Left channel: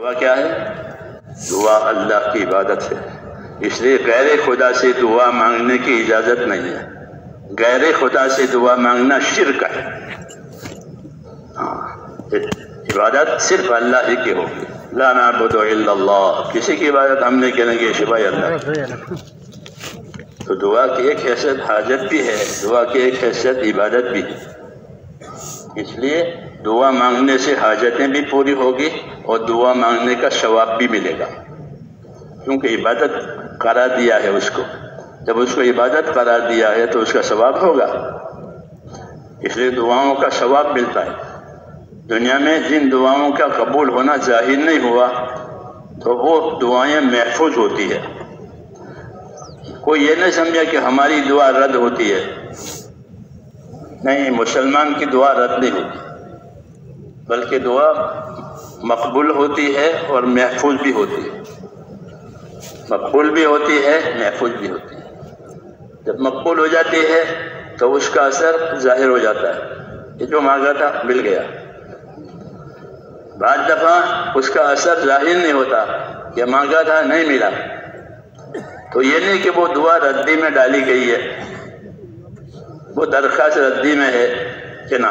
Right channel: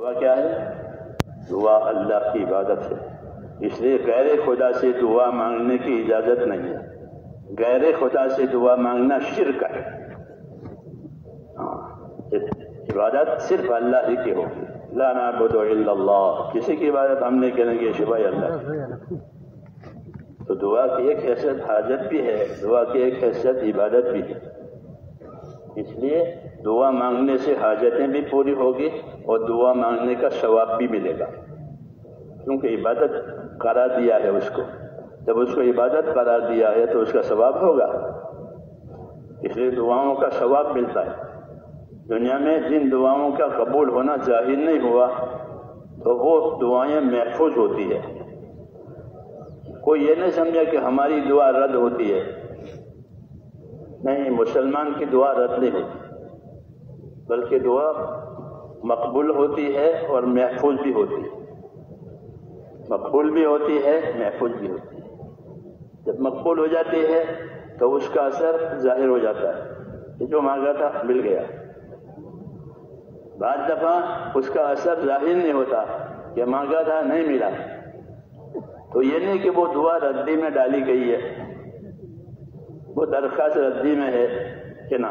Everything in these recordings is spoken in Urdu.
دعا کیا ہے؟ دعا اللہ کی عبادت ہے، اس لیے غیر خدا سے دعا مانگنے کی اجازت نہیں ہے۔ غیر خدا سے دعا مانگنا شرک ہے۔ عبادت صرف اللہ ہی کی ہوگی۔ لا نعبد الا اللہ، کسی کی عبادت ہم نہیں کریں گے سوائے اللہ۔ تو دعا کی ایک حیثیت حاجت بھی ہے، دعا کی ایک حیثیت عبادت بھی ہے۔ اس لیے دعا مانگنے سے حاجتیں بھی پوری ہوگی اور دعا مانگنے کا ثواب بھی ملے گا، کیونکہ عبادت قرار دیا ہے اس کو۔ جب اس کو عبادت قرار دیا ہے تو اس کا ثواب ہوگا، اس لیے دعاؤں کا ثواب ملتا ہے۔ دنیا میں جن دعاؤں کا قبول ہونا ظاہر نہیں ہوا تو وہ دعائیں محفوظ ہوتی ہے۔ کوئی یہ نہیں سمجھا کہ ہماری دعا رد ہوتی ہے، نہیں، مسلمان کی دعا رد نہیں ہوتی، بلکہ دعا مقبول ہوتی ہے اور محفوظ بھی ہوتی ہے۔ مقبول بھی ہوتی ہے، محفوظ بھی ہوتی ہے۔ جب مقبول ہو جاتی ہے تو اس کا اثر ظاہر ہو جاتا ہے، یہ جو مانگا تھا مل گیا۔ بعض دفعہ اس کا اثر ظاہر نہیں ہوتا، کہ مانگا تھا نہیں ملا، تو یہ نہیں کہ وہ دعا ردی میں ڈالی گئی ہے، وہ درخواست ردی میں ہے، کہ نہ،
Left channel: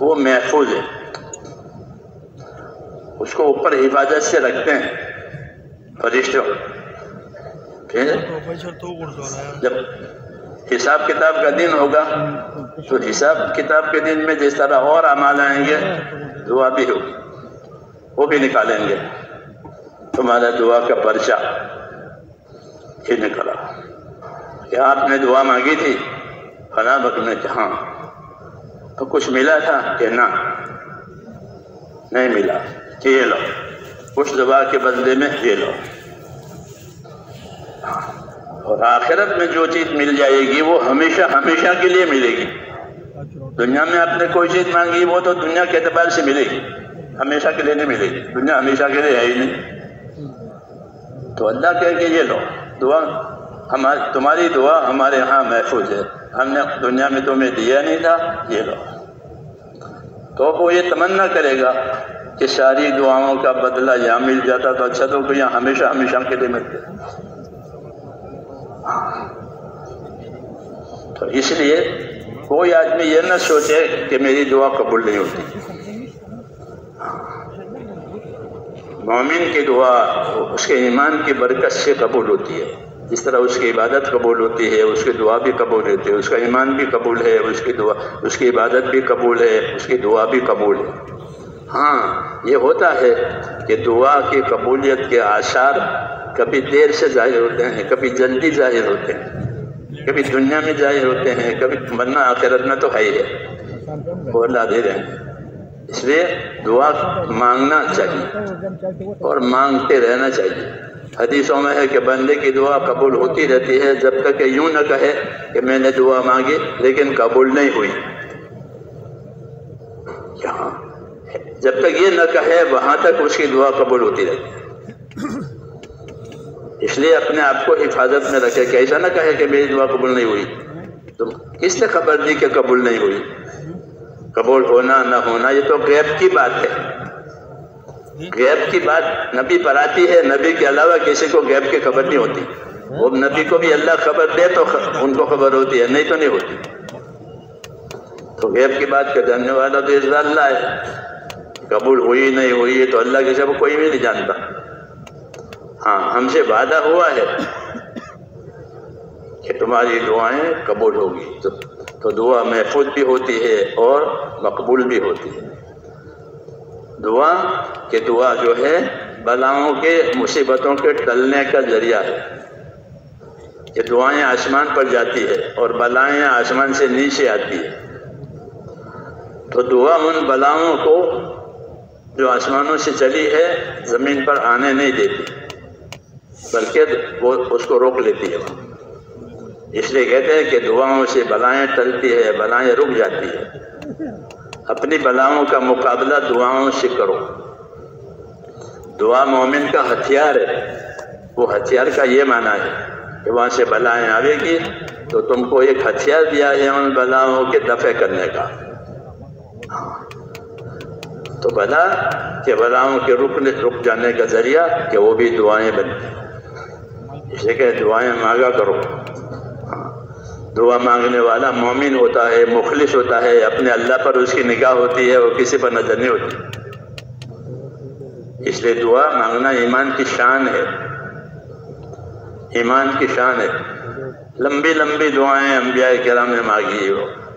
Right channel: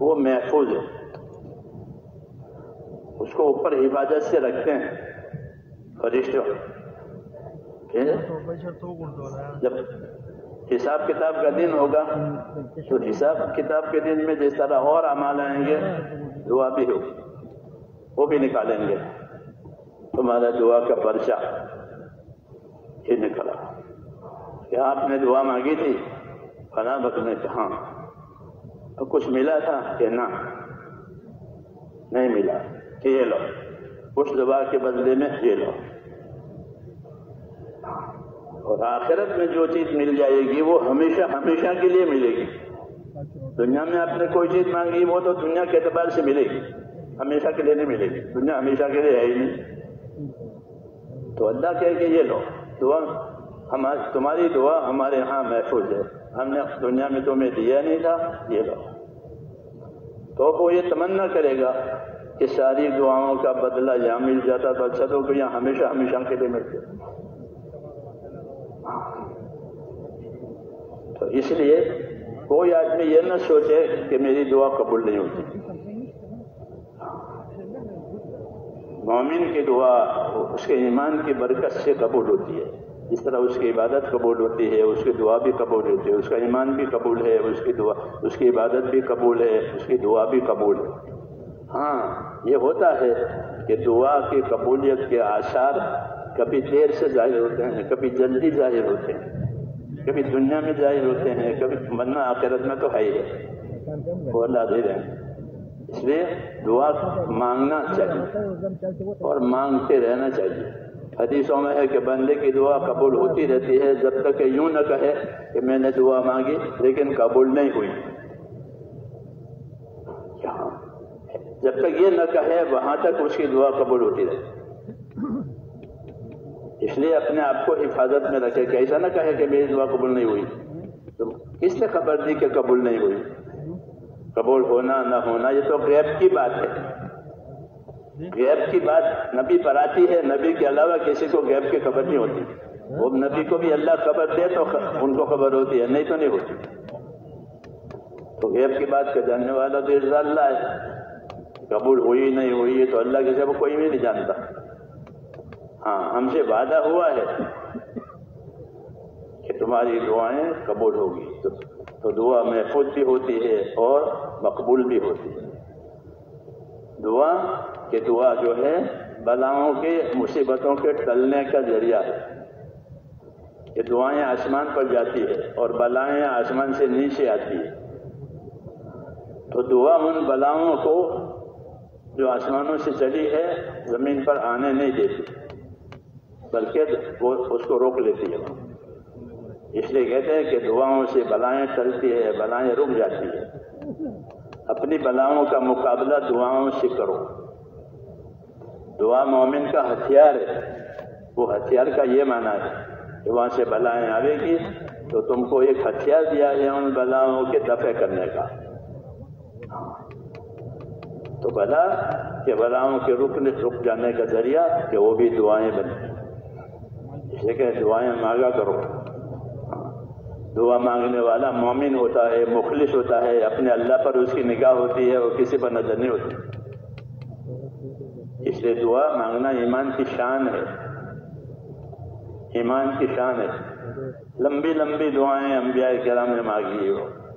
وہ محفوظ ہے، اس کو اوپر حفاظت سے رکھتے ہیں فرشتے۔ پھر جب حساب کتاب کا دن ہوگا تو حساب کتاب کے دن میں جس طرح اور اعمال آئیں گے، دعا بھی ہوگی، وہ بھی نکالیں گے۔ تمہارا دعا کا پرچہ یہ نکلا کہ آپ نے دعا مانگی تھی فلاں وقت میں، کہ ہاں، تو کچھ ملا تھا کہ نہ، نہیں ملا، کہ یہ لو، اس دعا کے بدلے میں یہ لو۔ اور آخرت میں جو چیز مل جائے گی وہ ہمیشہ ہمیشہ کے لیے ملے گی۔ دنیا میں آپ نے کوئی چیز مانگی وہ تو دنیا کے اعتبار سے ملے گی، ہمیشہ کے لیے نہیں ملے گی، دنیا ہمیشہ کے لیے ہے ہی نہیں۔ تو اللہ کہے کہ یہ لو، دعا تمہاری دعا ہمارے ہاں محفوظ ہے، ہم نے دنیا میں تمہیں دیا نہیں تھا، یہ لو۔ تو وہ یہ تمنا کرے گا کہ ساری دعاؤں کا بدلہ یہاں مل جاتا تو اچھا، تو یہاں ہمیشہ ہمیشہ کے لیے ملتے۔ تو اس لیے کوئی آدمی یہ نہ سوچے کہ میری دعا قبول نہیں ہوتی۔ مومن کی دعا اس کے ایمان کی برکت سے قبول ہوتی ہے، جس طرح اس کی عبادت قبول ہوتی ہے، اس کی دعا بھی قبول ہوتی ہے، اس کا ایمان بھی قبول ہے، اس کی عبادت بھی قبول ہے، اس کی دعا بھی قبول ہے۔ ہاں، یہ ہوتا ہے کہ دعا کی قبولیت کے آثار کبھی دیر سے ظاہر ہوتے ہیں، کبھی جلدی ظاہر ہوتے ہیں، کبھی دنیا میں ظاہر ہوتے ہیں، کبھی، ورنہ آخرت میں تو ہے ہی ہے، وہ اللہ دے رہے ہیں۔ اس لیے دعا مانگنا چاہیے اور مانگتے رہنا چاہیے۔ حدیثوں میں ہے کہ بندے کی دعا قبول ہوتی رہتی ہے جب تک کہ یوں نہ کہے کہ میں نے دعا مانگی لیکن قبول نہیں ہوئی۔ جب تک یہ نہ کہے وہاں تک اس کی دعا قبول ہوتی رہتی ہے۔ اس لیے اپنے آپ کو حفاظت میں رکھے کہ ایسا نہ کہے کہ میری دعا قبول نہیں ہوئی۔ تو کس نے خبر دی کہ قبول نہیں ہوئی؟ قبول ہونا نہ ہونا یہ تو غیب کی بات ہے، غیب کی بات نبی پر آتی ہے، نبی کے علاوہ کسی کو غیب کی خبر نہیں ہوتی۔ وہ نبی کو بھی اللہ خبر دے تو ان کو خبر ہوتی ہے، نہیں تو نہیں ہوتی۔ تو غیب کی بات کا جاننے والا تو اس اللہ ہے، قبول ہوئی نہیں ہوئی تو اللہ کے سب کوئی بھی نہیں جانتا۔ ہاں، ہم سے وعدہ ہوا ہے کہ تمہاری دعائیں قبول ہوگی، تو دعا محفوظ بھی ہوتی ہے اور مقبول بھی ہوتی ہے۔ دعا جو ہے بلاؤں کے، مصیبتوں کے ٹلنے کا ذریعہ ہے۔ یہ دعائیں آسمان پر جاتی ہے اور بلائیں آسمان سے نیچے آتی ہے، تو دعا ان بلاؤں کو جو آسمانوں سے چلی ہے زمین پر آنے نہیں دیتی، بلکہ وہ اس کو روک لیتی ہے۔ اس لیے کہتے ہیں کہ دعاؤں سے بلائیں ٹلتی ہے، بلائیں رک جاتی ہے۔ اپنی بلاؤں کا مقابلہ دعاؤں سے کرو۔ دعا مومن کا ہتھیار ہے، وہ ہتھیار کا یہ معنی ہے کہ وہاں سے بلائیں آئے گی تو تم کو ایک ہتھیار دیا ہے ان بلاؤں کے دفع کرنے کا۔ تو بلا کہ بلاؤں کے رک جانے کا ذریعہ کہ وہ بھی دعائیں بنتی ہیں، اس لیے کہ دعائیں مانگا کرو۔ دعا مانگنے والا مومن ہوتا ہے، مخلص ہوتا ہے، اپنے اللہ پر اس کی نگاہ ہوتی ہے، وہ کسی پر نظر نہیں ہوتی۔ اس لیے دعا مانگنا ایمان کی شان ہے، ایمان کی شان ہے۔ لمبی لمبی دعائیں انبیاء کرام نے مانگی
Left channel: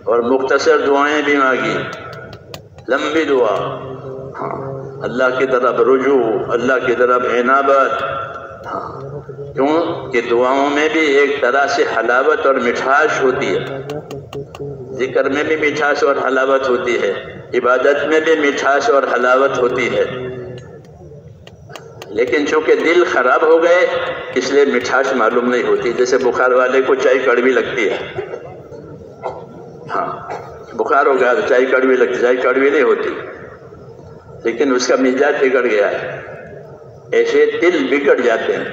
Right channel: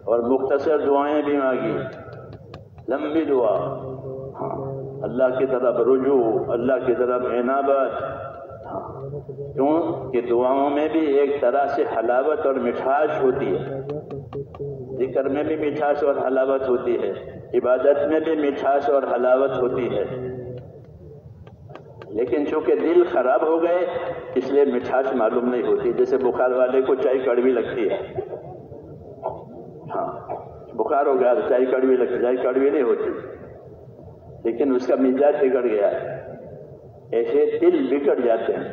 اور مختصر دعائیں بھی مانگی۔ لمبی دعا، اللہ کی طرف رجوع، اللہ کی طرف عنابت، کیوں کہ دعاؤں میں بھی ایک طرح سے حلاوت اور مٹھاس ہوتی ہے، ذکر میں بھی مٹھاس اور حلاوت ہوتی ہے، عبادت میں بھی مٹھاس اور حلاوت ہوتی ہے، لیکن چونکہ دل خراب ہو گئے اس لیے مٹھاس معلوم نہیں ہوتی۔ جیسے بخار والے کو چائے کڑوی لگتی ہے، ہاں بخار ہو گیا تو چائے کڑوی لگتی، چائے کڑوی نہیں ہوتی، لیکن اس کا مزاج بگڑ گیا ہے۔ ایسے دل بگڑ جاتے ہیں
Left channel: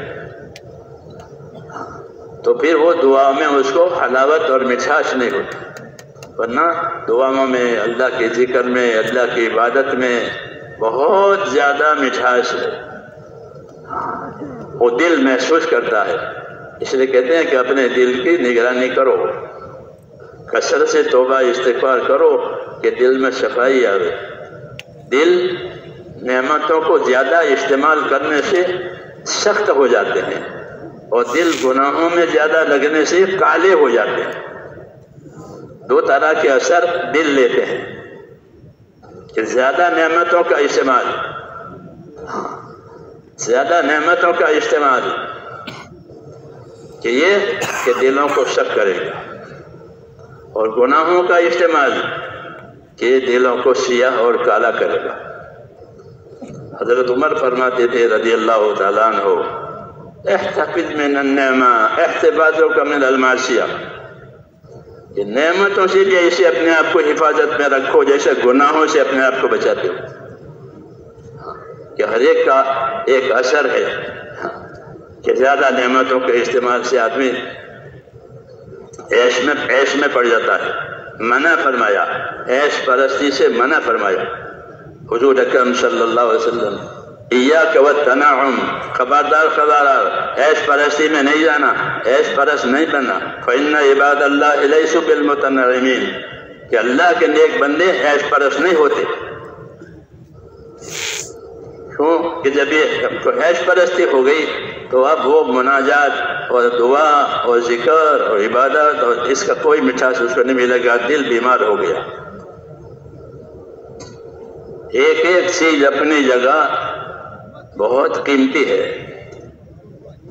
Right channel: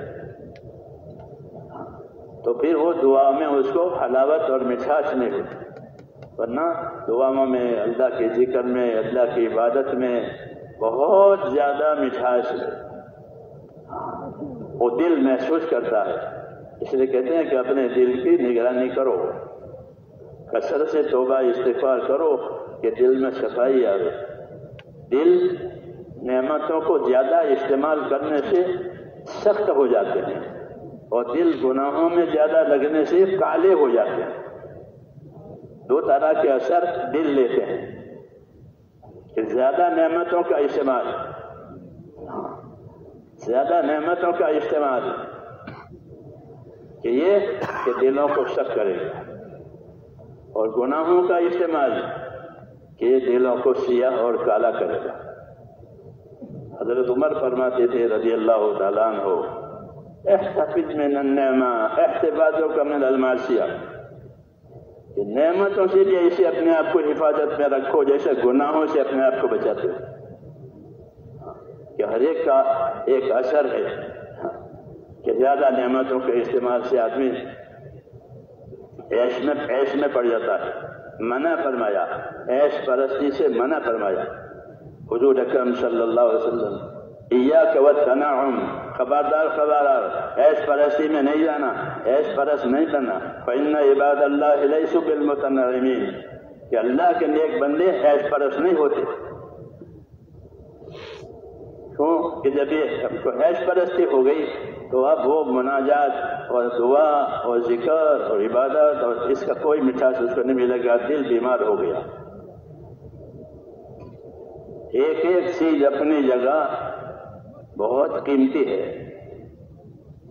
تو پھر وہ دعا میں اس کو حلاوت اور مٹھاس نہیں ہوتی، ورنہ دعاؤں میں، اللہ کے ذکر میں، اللہ کی عبادت میں بہت زیادہ مٹھاس ہے، وہ دل محسوس کرتا ہے۔ اس لیے کہتے ہیں کہ اپنے دل کی نگرانی کرو، کثرت سے توبہ استغفار کرو کہ دل میں صفائی آئے۔ دل نعمتوں کو زیادہ استعمال کرنے سے سخت ہو جاتے ہیں اور دل گناہوں میں زیادہ لگنے سے کالے ہو جاتے ہیں۔ دو طرح کے اثر دل لیتے ہیں کہ زیادہ نعمتوں کا استعمال، زیادہ نعمتوں کا استعمال کہ یہ کہ دلوں کو سخت کرے گا، اور گناہوں کا استعمال کہ دلوں کو سیاہ اور کالا کرے گا۔ حضرت عمر فرماتے تھے رضی اللہ تعالیٰ عنہ، احتفظ من النعمہ احتفاظک من المعصیہ، کہ نعمتوں سے بھی ایسے اپنے آپ کو حفاظت میں رکھو جیسے گناہوں سے اپنے آپ کو بچاتے ہو، کہ ہر ایک کا ایک اثر ہے کہ زیادہ نعمتوں کے استعمال سے آدمی عیش میں پڑ جاتا ہے۔ منع فرمایا، عیش پرستی سے منع فرمایا حضور اکرم صلی اللہ علیہ وسلم، ایاک والتنعم، خبردار خبردار عیش پرستی میں نہیں جانا، عیش پرست نہیں بننا۔ فإن عباد اللہ لیسوا بالمتنعمین، کہ اللہ کے نیک بندے عیش پرست نہیں ہوتے۔ کیوں کہ جب یہ عیش پرستی ہو گئی تو اب وہ مناجات اور دعا اور ذکر اور عبادت اور اس کا کوئی مٹھاس اس کو نہیں ملے گا، دل بیمار ہو گیا۔ ایک ایک چیز اپنی جگہ بہت قیمتی ہے،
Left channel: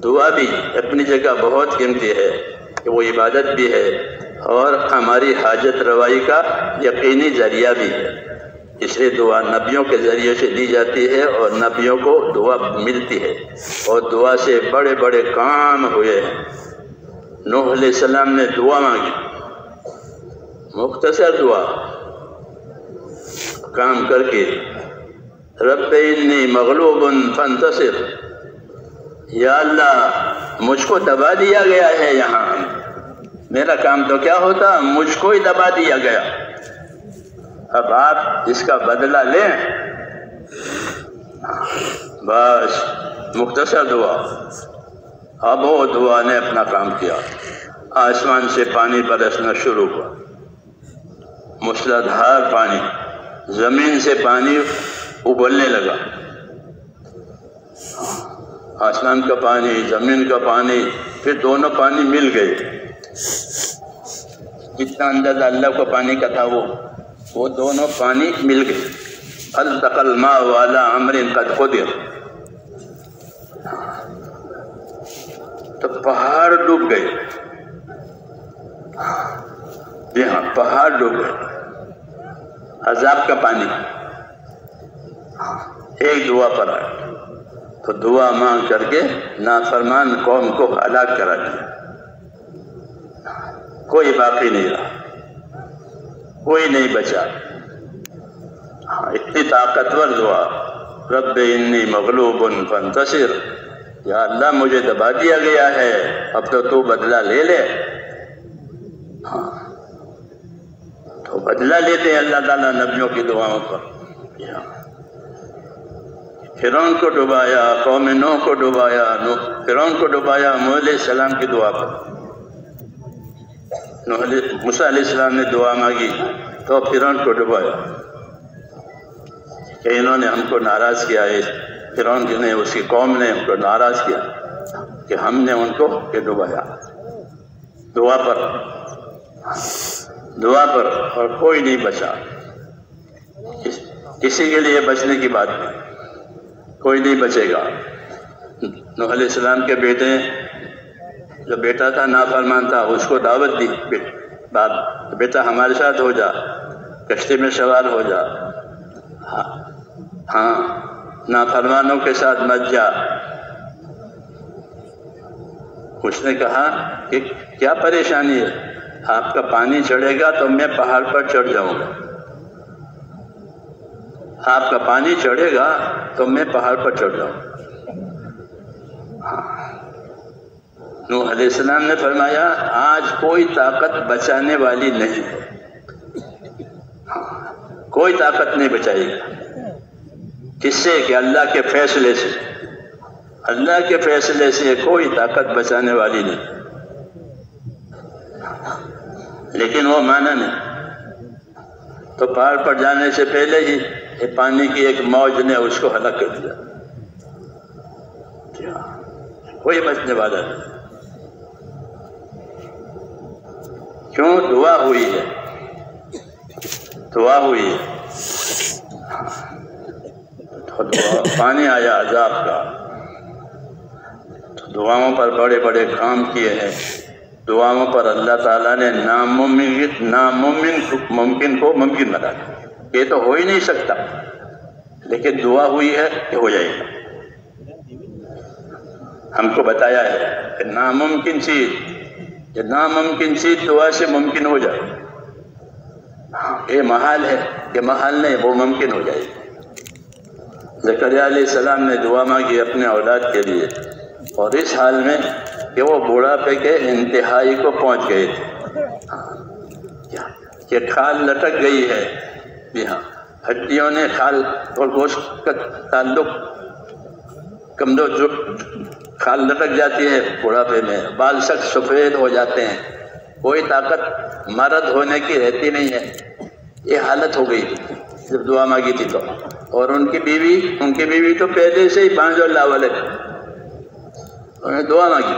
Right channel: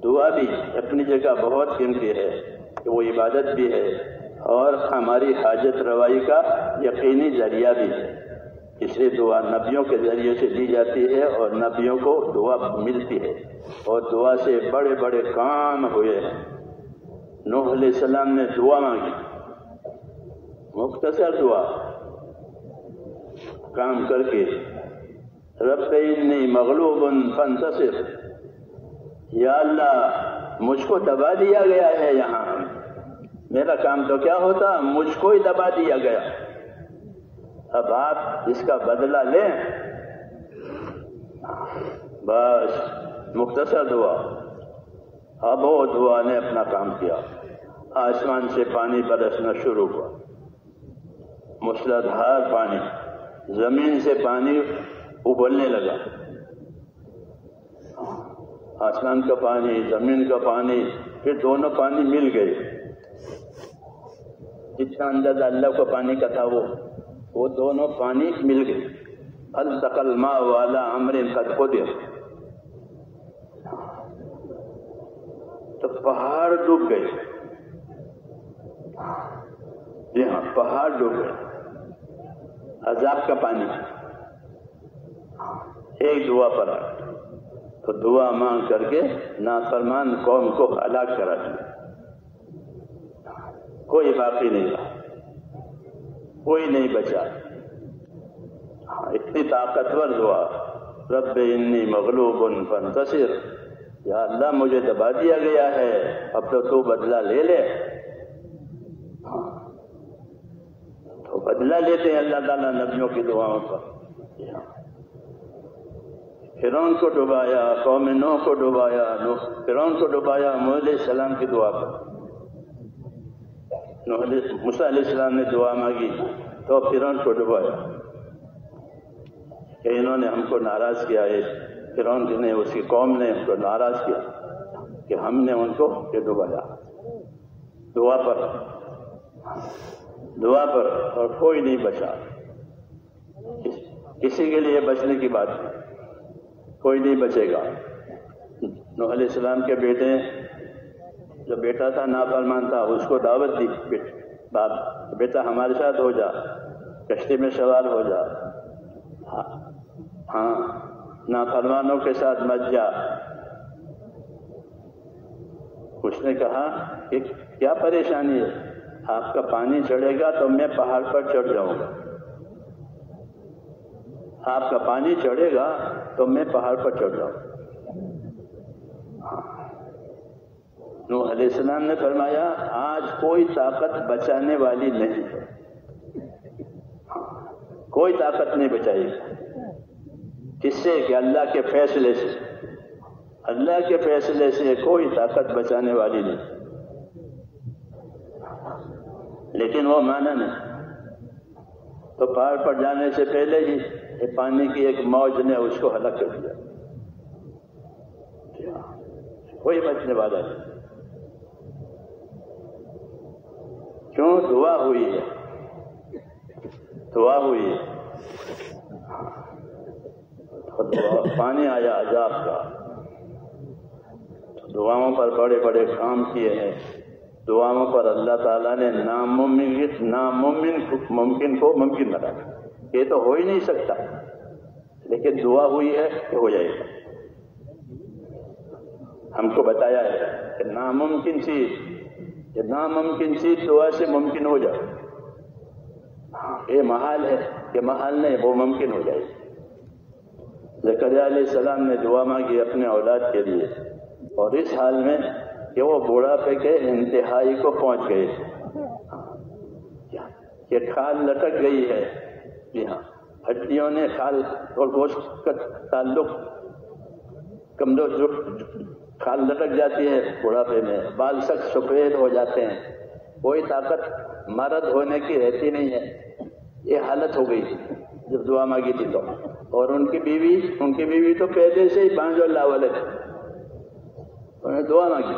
دعا بھی اپنی جگہ بہت قیمتی ہے کہ وہ عبادت بھی ہے اور ہماری حاجت روائی کا یقینی ذریعہ بھی ہے۔ اس لیے دعا نبیوں کے ذریعے سے دی جاتی ہے اور نبیوں کو دعا ملتی ہے، اور دعا سے بڑے بڑے کام ہوئے ہیں۔ نوح علیہ السلام نے دعا مانگی، مختصر دعا، کام کر کے رب انی مغلوب فانتصر، یا اللہ مجھ کو دبا دیا گیا ہے، یہاں میرا کام تو کیا ہوتا، مجھ کو ہی دبا دیا گیا، اب آپ اس کا بدلہ لیں۔ بس مختصر دعا۔ اب وہ دعا نے اپنا کام کیا، آسمان سے پانی برسنا شروع ہوا، موسلادھار پانی، زمین سے پانی ابلنے لگا، آسمان کا پانی، زمین کا پانی، پھر دونوں پانی مل گئے۔ جتنا اندازہ اللہ کو پانی کا تھا وہ دونوں پانی مل گئے۔ التقى الماء على امر قد قدر، تو پہاڑ ڈوب گئے، جی ہاں پہاڑ ڈوب گئے، عذاب کا پانی ایک دعا پر آیا، تو دعا مانگ کر کے نافرمان قوم کو ہلاک کرا دیا، کوئی باقی نہیں رہا، کوئی نہیں بچا۔ اتنی طاقتور دعا، رب انی مغلوب فانتصر، یا اللہ مجھے دبا دیا گیا ہے، اب تو بدلہ لے لے۔ تو بدلہ لیتے ہیں اللہ تعالیٰ نبیوں کی دعاؤں پر۔ فرعون کو ڈبایا، قوم نوح کو ڈبایا، فرعون کو ڈبایا موسیٰ علیہ السلام کی دعا پر۔ موسیٰ علیہ السلام نے دعا مانگی تو فرعون کو ڈبایا کہ انہوں نے ہم کو ناراض کیا ہے، فرعون نے، اس کی قوم نے ہم کو ناراض کیا کہ ہم نے ان کو ڈبایا دعا پر اور کوئی نہیں بچا۔ کسی کے لیے بچنے کی بات نہیں، کوئی نہیں بچے گا۔ نوح علیہ السلام کے بیٹے، جو بیٹا تھا نافرمان تھا، اس کو دعوت دی، بیٹا ہمارے ساتھ ہو جا، کشتی میں سوار ہو جا، ہاں نافرمانوں کے ساتھ مت جا۔ اس نے کہا کہ کیا پریشانی ہے، آپ کا پانی چڑھے گا تو میں پہاڑ پر چڑھ جاؤں گا، آپ کا پانی چڑھے گا تو میں پہاڑ پر چڑھ جاؤں گا۔ نوح علیہ السلام نے فرمایا آج کوئی طاقت بچانے والی نہیں، کوئی طاقت نہیں بچائے گی۔ کس سے؟ کہ اللہ کے فیصلے سے، اللہ کے فیصلے سے کوئی طاقت بچانے والی نہیں۔ لیکن وہ مانا نہیں، تو پہاڑ پر جانے سے پہلے ہی پانی کی ایک موج نے اس کو ہلاک کر دیا۔ کوئی بچنے والا نہیں، کیوں؟ دعا ہوئی ہے، دعا ہوئی ہے۔ پانی آیا عذاب کا، تو دعاؤں پر بڑے بڑے کام کیے ہیں، دعاؤں پر اللہ تعالیٰ نے ناممکن کو ممکن بنایا۔ یہ تو ہو ہی نہیں سکتا، لیکن دعا ہوئی ہے کہ ہو جائے گا۔ ہم کو بتایا ہے کہ ناممکن چیز دعا سے ممکن ہو جائے۔ یہ محال ہے کہ محال نہیں، وہ ممکن ہو جائے گی۔ زکریا علیہ السلام نے دعا مانگی اپنے اولاد کے لیے، اور اس حال میں کہ وہ بوڑھاپے کے انتہائی کو پہنچ گئے تھے، کہ کھال لٹک گئی ہے، جی ہاں، ہڈیوں نے کھال اور گوشت کا تعلق کمزور، جو کھال لٹک جاتی ہے بوڑھاپے میں، بال سخت سفید ہو جاتے ہیں، کوئی طاقت مرد ہونے کی رہتی نہیں ہے۔ یہ حالت ہو گئی جب دعا مانگی تھی تو، اور ان کی بیوی تو پہلے سے ہی بانجھ اور لاوالے، انہوں نے دعا مانگی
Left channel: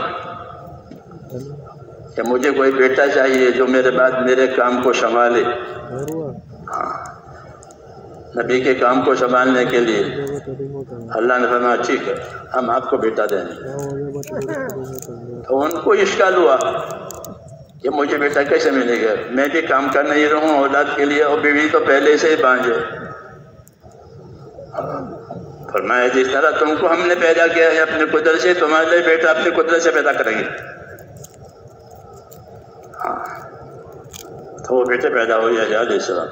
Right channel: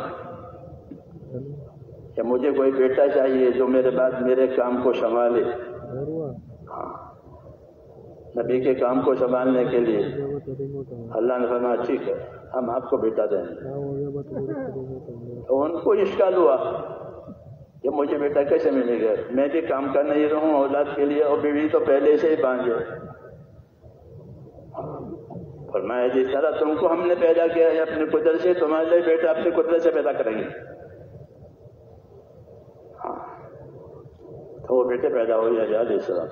کہ مجھے کوئی بیٹا چاہیے جو میرے بعد میرے کام کو سنبھالے، نبی کے کام کو سنبھالنے کے لیے۔ اللہ نے فرمایا ٹھیک ہے، ہم آپ کو بیٹا دیں گے۔ تو ان کو اشکال ہوا کہ مجھے بیٹا کیسے ملے گا، میں بھی کام کر نہیں رہوں اولاد کے لیے، اور بیوی تو پہلے سے ہی بانجھ ہے۔ فرمایا جس طرح تم کو ہم نے پیدا کیا ہے اپنے قدرت سے، تمہارے لیے بیٹا اپنی قدرت سے پیدا کریں گے۔ تو وہ بیٹے پیدا ہوئے علیہ السلام،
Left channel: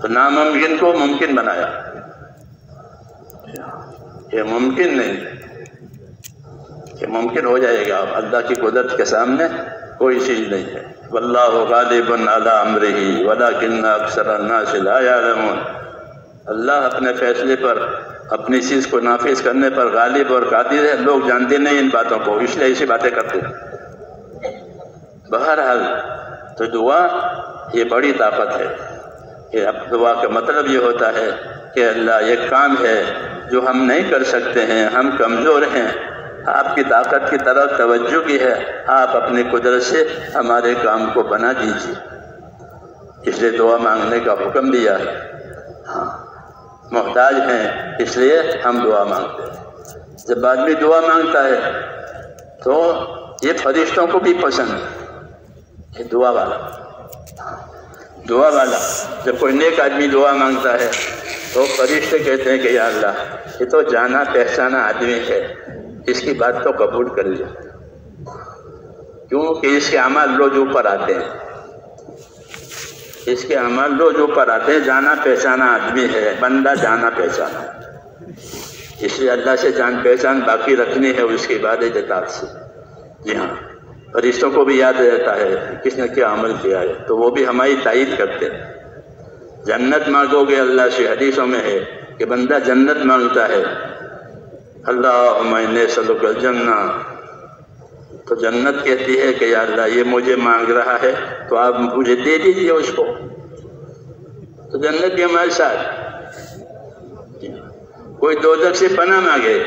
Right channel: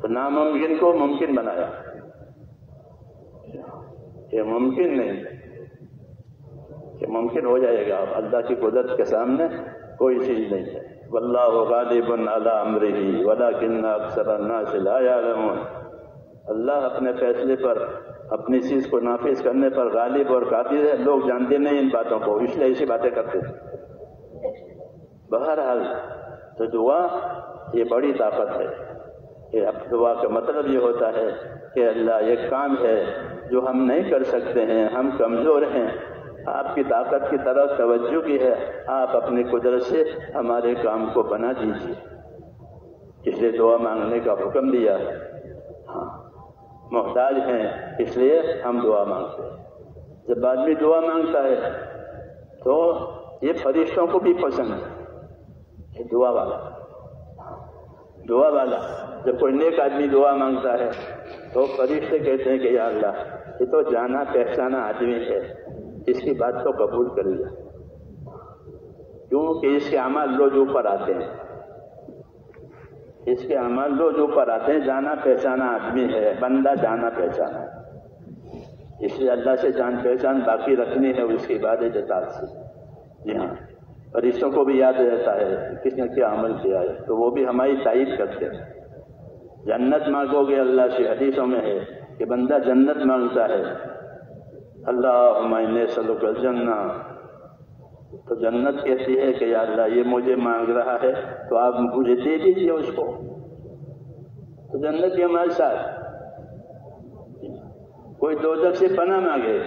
تو ناممکن کو ممکن بنایا۔ یہ ممکن نہیں کہ ممکن ہو جائے گا، اللہ کی قدرت کے سامنے کوئی چیز نہیں ہے۔ واللہ غالب علی امرہ ولکن اکثر الناس لا یعلمون۔ اللہ اپنے فیصلے پر، اپنی چیز کو نافذ کرنے پر غالب اور قادر ہے، لوگ جانتے نہیں ان باتوں کو، اس لیے ایسی باتیں کرتے ہیں۔ بہرحال تو دعا یہ بڑی طاقت ہے، کہ اب دعا کا مطلب یہ ہوتا ہے کہ اللہ یہ کام ہے جو ہم نہیں کر سکتے ہیں، ہم کمزور ہیں، آپ کی طاقت کی طرف توجہ کی ہے، آپ اپنی قدرت سے ہمارے کام کو بنا دیجیے۔ اس لیے دعا مانگنے کا حکم دیا ہے۔ ہاں، محتاج ہیں اس لیے ہم دعا مانگتے ہیں۔ جب آدمی دعا مانگتا ہے تو یہ فرشتوں کو بھی پسند ہے، یہ دعا والا جب کوئی نیک آدمی دعا مانگتا ہے تو فرشتے کہتے ہیں کہ یا اللہ یہ تو جانا پہچانا آدمی ہے، اس کی بات تو قبول کر لیا، کیونکہ اس کے اعمال روز اوپر آتے ہیں، اس کے اعمال روز اوپر آتے ہیں، جانا پہچانا آدمی ہے، بندہ جانا پہچانا، اس لیے اللہ سے جان پہچان باقی رکھنی ہے اس کی عبادت اطاعت سے۔ جی ہاں، فرشتوں کو بھی یاد رہتا ہے کس نے کیا عمل کیا ہے، تو وہ بھی ہماری تائید کرتے ہیں۔ جنت مانگو گے اللہ سے، حدیثوں میں ہے کہ بندہ جنت مانگتا ہے، اللہم انی اسألک الجنہ، تو جنت کہتی ہے کہ یا اللہ یہ مجھے مانگ رہا ہے تو آپ مجھے دے دیجئے اس کو، تو جنت بھی ہمارے ساتھ۔ کوئی دوزخ سے پناہ مانگے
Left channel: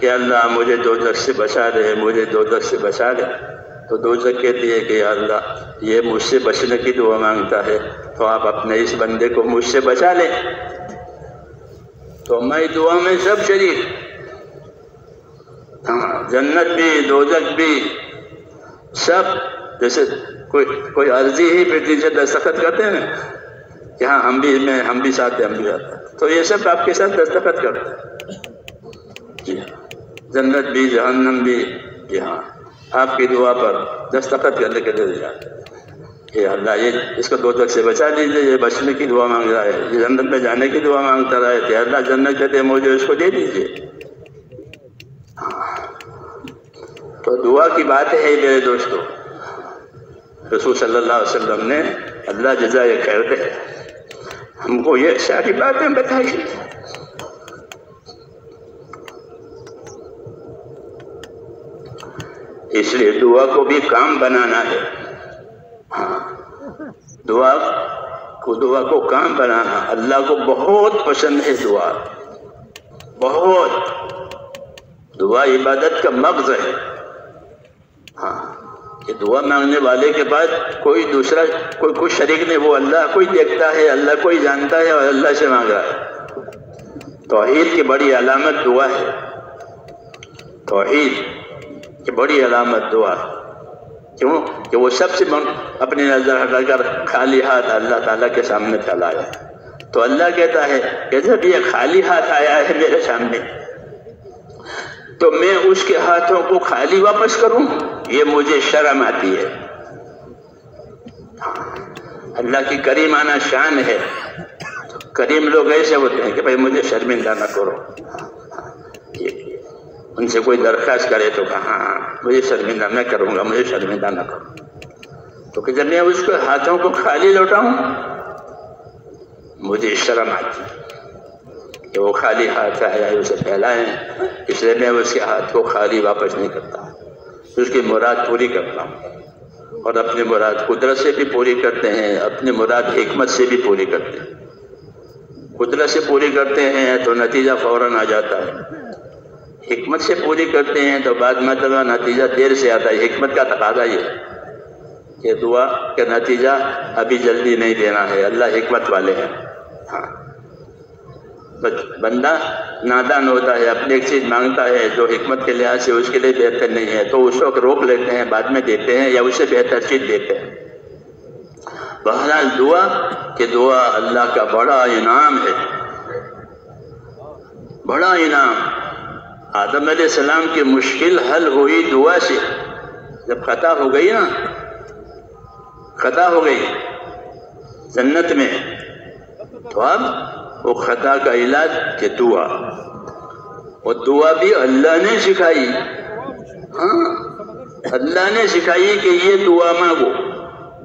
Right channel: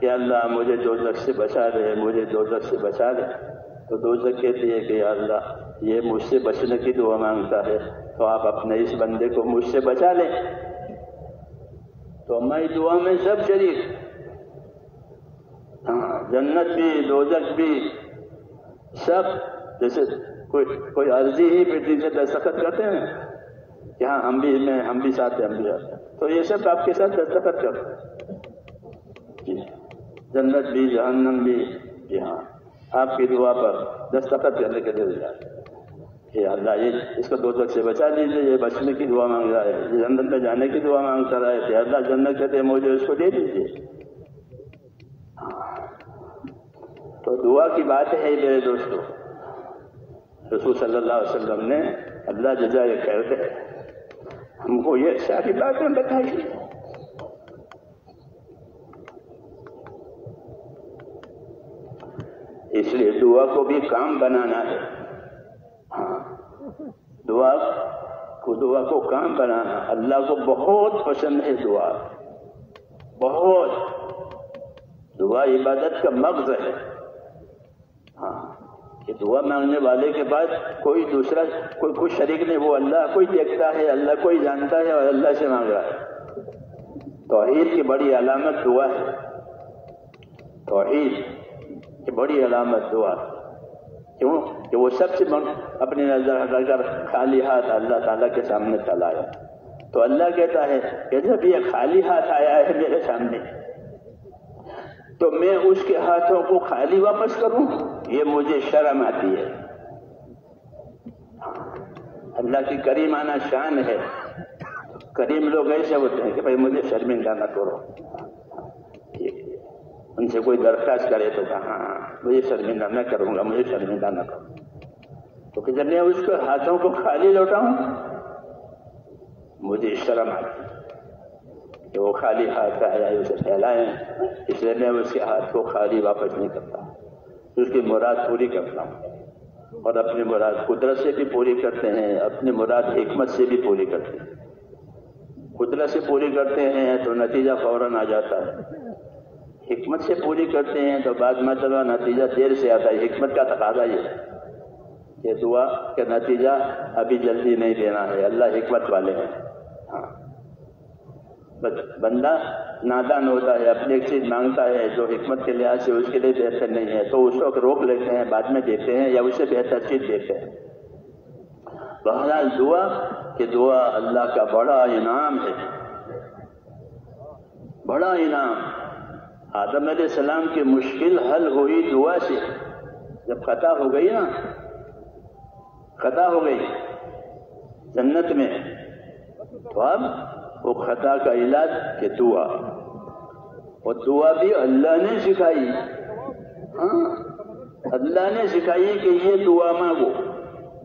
کہ اللہ مجھے دوزخ سے بچا دے، مجھے دوزخ سے بچا دے، تو دوزخ کہتی ہے کہ یا اللہ یہ مجھ سے بچنے کی دعا مانگتا ہے تو آپ اپنے اس بندے کو مجھ سے بچا لیں، تو ہماری دعا میں سب شریک، ہاں جنت بھی دوزخ بھی سب۔ جیسے کوئی عرضی ہی پھر نیچے دستخط کرتے ہیں نا کہ ہاں ہم بھی ساتھ ہیں، ہم بھی ساتھ ہیں، تو یہ سب آپ کے ساتھ دستخط کرتے ہیں جی، جنت بھی جہنم بھی، جی ہاں آپ کی دعا پر دستخط کرنے کے دل جاتے کہ اللہ یہ اس کو دوزخ سے بچا دیجیے، یہ بچنے کی دعا مانگ رہا ہے، یہ جنت میں جانے کی دعا مانگتا رہا ہے کہ اللہ جنت کہتے ہیں مجھے اس کو دے دیجیے۔ تو دعا کی بات ہے میرے دوستو، رسول صلی اللہ علیہ وسلم نے اللہ جزائے خیر دے ہم کو یہ ساری باتیں بتائی۔ اس لیے دعا کو بھی کام بنانا ہے، ہاں دعا کو کام بنانا، اللہ کو بہت پسند ہے دعا، بہت۔ دعا عبادت کا مغز ہے، ہاں کہ دعا مانگنے والے کے بعد کوئی دوسرا کوئی شریک نہیں، وہ اللہ کوئی دیکھتا ہے، اللہ کوئی جانتا ہے اور اللہ سے مانگ رہا ہے۔ توحید کی بڑی علامت دعا ہے، توحید کی بڑی علامت دعا، کیوں کہ وہ سب سے اپنی نظر ہٹا کر خالی ہاتھ اللہ تعالیٰ کے سامنے پھیلایا، تو اللہ کہتا ہے کہ جب یہ خالی ہاتھ آیا ہے میرے سامنے تو میں اس کے ہاتھوں کو خالی واپس کروں، یہ مجھے شرم آتی ہے۔ اللہ کی کریمانہ شان ہے، کریم لوگ ایسے ہوتے ہیں کہ بھائی مجھے شرمندہ نہ کرو، ان سے کوئی درخواست کرے تو کہا ہاں مجھے شرمندہ میں کروں گا، مجھے شرمندہ نہ کرو، تو کہ جب میں اس کے ہاتھوں کو خالی لوٹاؤں مجھے شرم آتی کہ وہ خالی ہاتھ آیا ہے اسے پھیلائیں، اس لیے میں اس کے ہاتھ کو خالی واپس نہیں کرتا، اس کی مراد پوری کرتا ہوں، اور اپنی مراد قدرت سے بھی پوری کرتے ہیں، اپنی مراد حکمت سے بھی پوری کرتے ہیں۔ قدرت سے پوری کرتے ہیں تو نتیجہ فوراً آ جاتا ہے، حکمت سے پوری کرتے ہیں تو بعد مرتبہ نتیجہ دیر سے آتا ہے۔ حکمت کا تقاضا یہ کہ دعا کا نتیجہ ابھی جلدی نہیں دینا ہے، اللہ حکمت والے ہیں۔ ہاں بندہ نادان ہوتا ہے، اپنی ایک چیز مانگتا ہے جو حکمت کے لحاظ سے اس کے لیے بہتر نہیں ہے تو اس وقت روک لیتے ہیں، بعد میں دیتے ہیں یا اس سے بہتر چیز دیتے ہیں۔ بہرحال دعا کہ دعا اللہ کا بڑا انعام ہے، بڑا انعام۔ آدم علیہ السلام کی مشکل حل ہوئی دعا سے، جب خطا ہو گئی نا، خطا ہو گئی جنت میں، تو اب وہ خطا کا علاج کہ دعا، وہ دعا بھی اللہ نے سکھائی، ہاں اللہ نے سکھائی کہ یہ دعا مانگو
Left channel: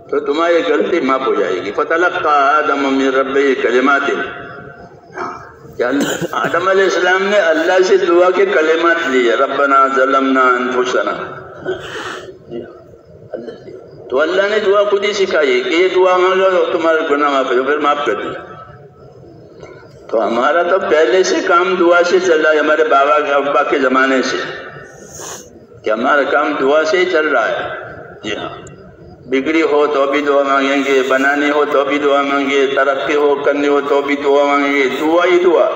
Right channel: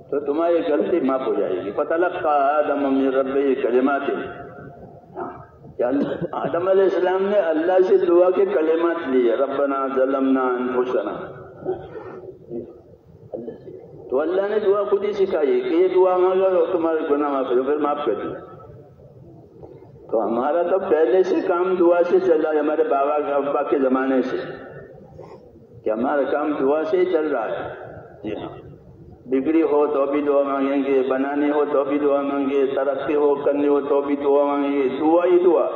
تو تمہاری غلطی معاف ہو جائے گی۔ فَتَلَقَّى آدَمُ مِن رَبِّهِ كَلِمَاتٍ، آدم علیہ السلام نے اللہ سے دعا کے کلمات لیے، ربنا ظلمنا انفسنا، تو اللہ نے دعا خود ہی سکھائی کہ یہ دعا مانگو تمہارے گناہ معاف ہو، پھر معاف کر دیا۔ تو ہمارا تو پہلے سے کام دعا سے چل رہا ہے، ہمارے بابا ابا کے زمانے سے، کہ ہمارا کام دعا سے ہی چل رہا ہے۔ جی ہاں، بگڑی ہو تو بھی دعا مانگیں گے، بنانی ہو تو بھی دعا مانگیں گے، ترقی ہو کرنی ہو تو بھی دعا مانگیں گے، دعا ہی دعا۔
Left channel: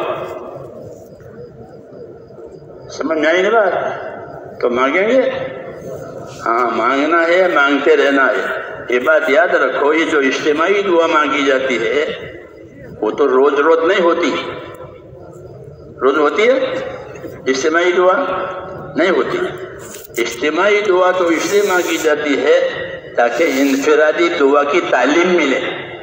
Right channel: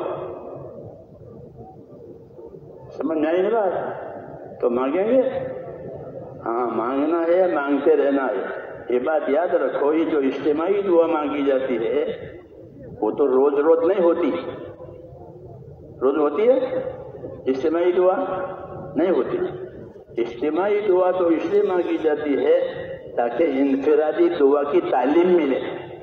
سمجھ میں آئی نا بات؟ تو مانگیں گے، ہاں مانگنا ہے، مانگتے رہنا ہے۔ یہ بات یاد رکھو، یہ جو اجتماعی دعا مانگی جاتی ہے وہ تو روز روز نہیں ہوتی، روز ہوتی ہے اجتماعی دعا؟ نہیں ہوتی۔ اجتماعی دعا تو اس لیے مانگی جاتی ہے تاکہ انفرادی دعا کی تعلیم ملے،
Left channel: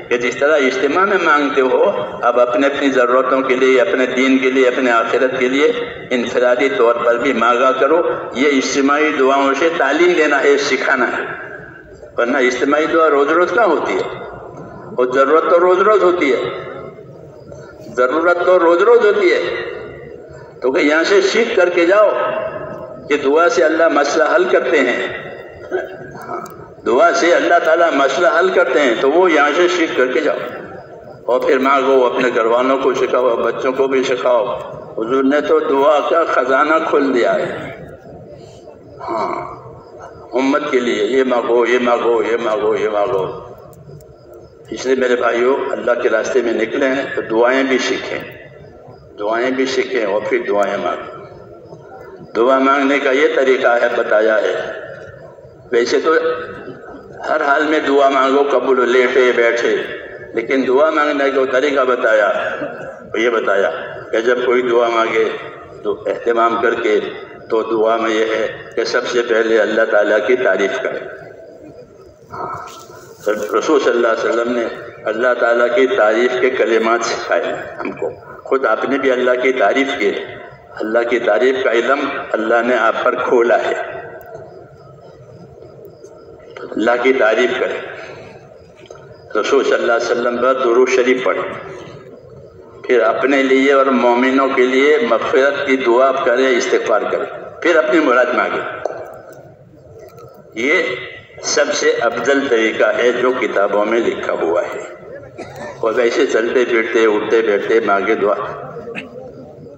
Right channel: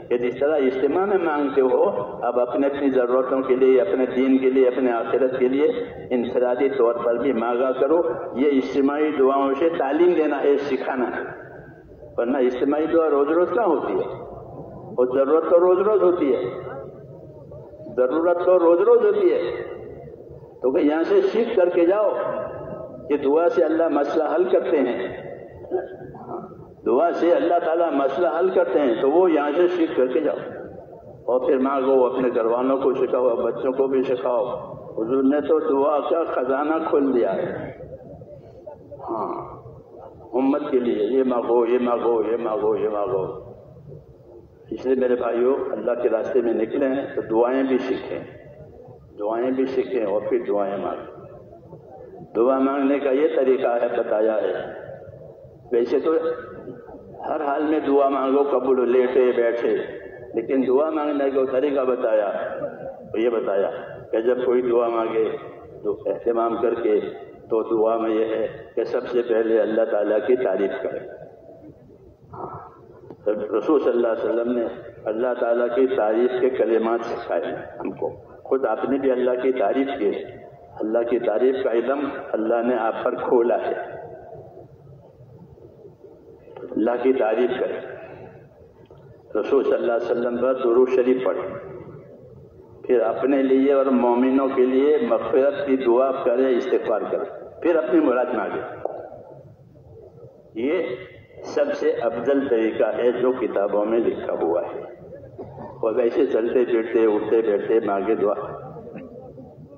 کہ جس طرح اجتماع میں مانگتے ہو، اب اپنے اپنی ضرورتوں کے لیے، اپنے دین کے لیے، اپنے آخرت کے لیے انفرادی طور پر بھی مانگا کرو۔ یہ اجتماعی دعاؤں سے تعلیم دینا ہے، سکھانا ہے، ورنہ اجتماعی دعا روز روز کہاں ہوتی ہے، اور ضرورت تو روز روز ہوتی ہے۔ ضرورت تو روز روز ہوتی ہے، تو کہ یہاں سے سیکھ کر کے جاؤ کہ دعا سے اللہ مسئلہ حل کرتے ہیں، دعا سے اللہ تعالیٰ مسئلہ حل کرتے ہیں، تو وہ یہاں سے سیکھ کر کے جاؤ اور پھر مانگو، اپنے گھر والوں کو سکھاؤ، بچوں کو بھی سکھاؤ۔ حضور نے تو دعا کا خزانہ کھول دیا ہے، ہاں، امت کے لیے، یہ مانگو یہ مانگو یہ مانگو یہ مانگو۔ اس لیے میرے بھائیوں، اللہ کے راستے میں نکلے ہیں تو دعائیں بھی سیکھیں، دعائیں بھی سیکھیں اور پھر دعائیں مانگیں۔ دعا مانگنے کا یہ طریقہ ہے بتایا ہے، ویسے تو ہر حال میں دعا مانگو، قبول لیٹے بیٹھے، لیکن دعا مانگنے کا طریقہ بتایا، یہ بتایا کہ جب کوئی دعا مانگے تو اہتمام کر کے، تو دعا میں یہ ہے کہ سب سے پہلے اللہ تعالیٰ کی تعریف کریں۔ رسول صلی اللہ علیہ وسلم نے اللہ تعالیٰ کی تعریف کے کلمات سکھائے ہم کو، خود آپ نے بھی اللہ کی تعریف کی، اللہ کی تعریف کا علم اللہ نے آپ پر کھولا ہے۔ اللہ کی تعریف کریں، رسول صلی اللہ علیہ وسلم پر درود شریف پڑھیں، پھر اپنے لیے اور مومنوں کے لیے مغفرت کی دعا کریں، استغفار کریں، پھر اپنی مراد مانگیں۔ یہ سب سے افضل طریقہ ہے جو کتابوں میں لکھا ہوا ہے، اور ویسے چلتے پھرتے اٹھتے بیٹھتے مانگے دعا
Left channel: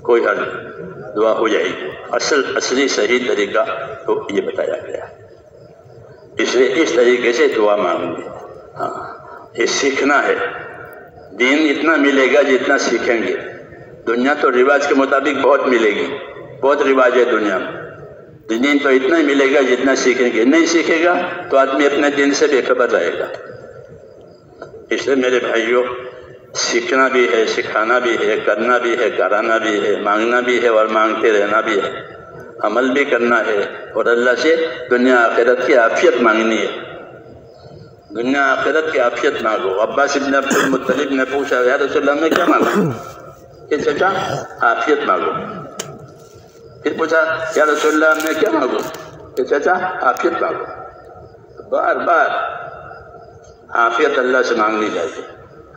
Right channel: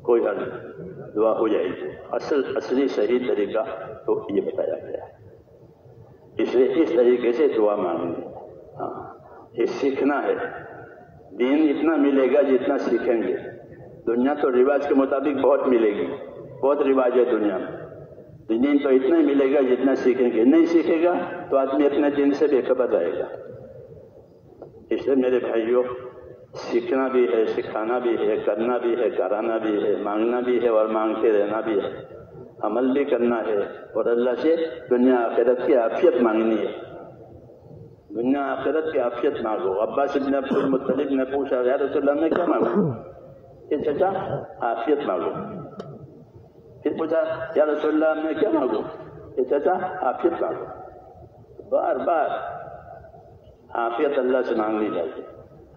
کوئی حل، دعا ہو جائے گی۔ اصلی صحیح طریقہ تو یہ بتایا گیا، اس لیے اس طریقے سے دعا مانگیں۔ ہاں، یہ سیکھنا ہے، دین اتنا ملے گا جتنا سیکھیں گے۔ دنیا تو رواج کے مطابق بہت ملے گی، بہت رواج ہے دنیا میں، دین تو اتنا ہی ملے گا جتنا سیکھیں گے۔ نہیں سیکھے گا تو آدمی اپنے دین سے بے خبر رہے گا۔ اس لیے میرے بھائیوں، سیکھنا بھی ہے، سکھانا بھی ہے، کرنا بھی ہے، کرانا بھی ہے، مانگنا بھی ہے اور مانگتے رہنا بھی ہے، عمل بھی کرنا ہے، اور اللہ سے دنیا آخرت کی عافیت مانگنی ہے۔ دنیا آخرت کی عافیت مانگو۔ عباس ابن عبد المطلب نے پوچھا، یا رسول اللہ میں کیا مانگوں؟ کہ چچا عافیت مانگو۔ پھر پوچھا، یا رسول اللہ میں کیا مانگوں؟ کہ چچا عافیت مانگو۔ بار بار عافیت اللہ سے مانگنی چاہیے۔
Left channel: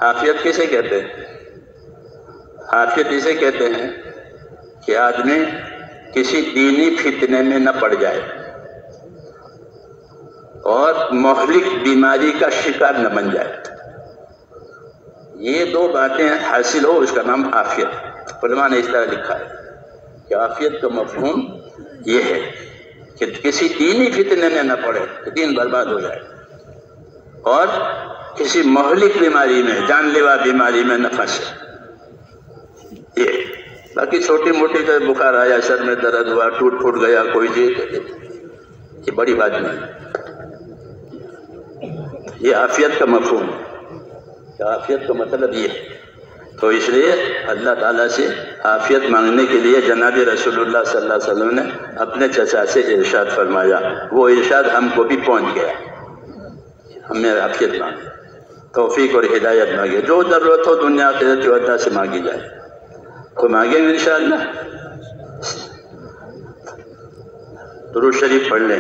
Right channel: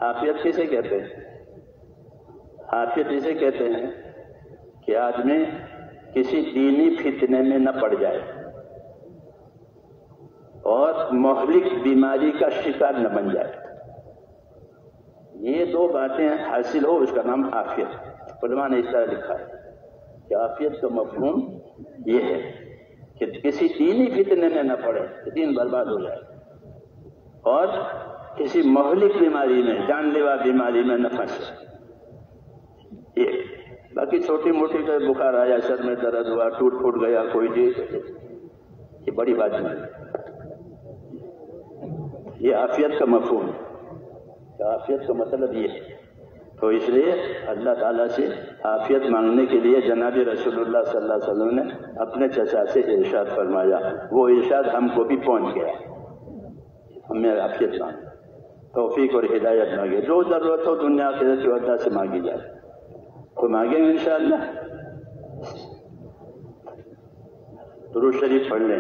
عافیت کسے کہتے ہیں؟ عافیت اسے کہتے ہیں کہ آدمی کسی دینی فتنے میں نہ پڑ جائے اور مہلک بیماری کا شکار نہ بن جائے۔ یہ دو باتیں حاصل ہو، اس کا نام عافیت۔ علماء نے اس طرح لکھا ہے کہ عافیت کا مفہوم یہ ہے کہ کسی دینی فتنے میں نہ پڑے کہ دین برباد ہو جائے، اور کسی مہلک بیماری میں، جان لیوا بیماری میں نہ پھنسے۔ یہ باقی چھوٹی موٹی جو بخار آیا، سر میں درد ہوا، ٹوٹ پھوٹ گیا کوئی چیز، یہ بڑی بات نہیں۔ یہ عافیت کا مفہوم ہے، عافیت کا مطلب یہ ہے۔ تو اس لیے اللہ تعالیٰ سے عافیت مانگنے کے لیے جناب رسول اللہ صلی اللہ علیہ وسلم نے اپنے چچا سے ارشاد فرمایا، وہ ارشاد ہم کو بھی پہنچ گیا۔ ہمیں عافیت مانگے، توفیق اور ہدایت مانگے، جو ضرورت ہو دنیا آخرت کی وجہ سے مانگی جائے، تو مانگیں گے انشاءاللہ۔ درود شریف پڑھ لیں۔